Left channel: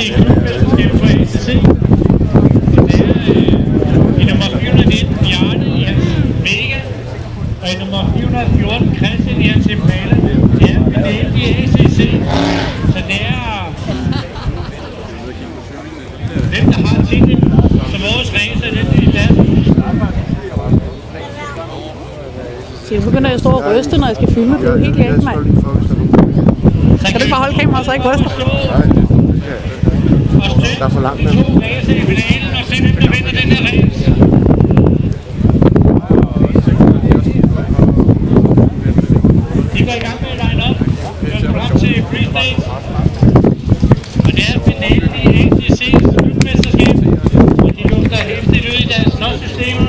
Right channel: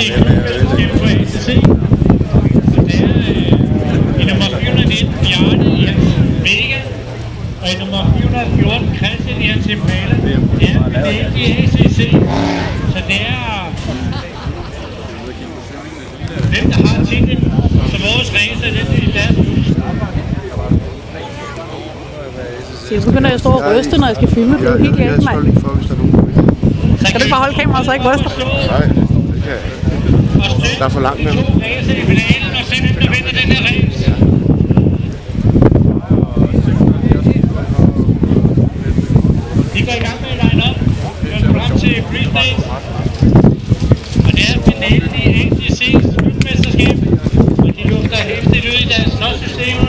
i klubmesterskabet på ACC. Og det er i nummer 419 Bjarne i hans Vega, og i nummer 414 Christian i hans Impala. Det er finalen i ACC, så det er hvem der har titlen som vores racer, den i deres hus. Så jeg begynder at stå og ryste, når jeg skal filme. Det er jo helt galt, mand. Kan du ikke bare holde kameraet, så jeg ikke ryster? Nej, det kan jeg ikke. Der er for langt med. De to racer i finalen, og se hvem der vinder den her race. De går i gang med at line op. Vi går frem til freestage. Og det er finalen i ACC's klubmesterskab. Og de lugter hæftigt ud i deres slåssystemer.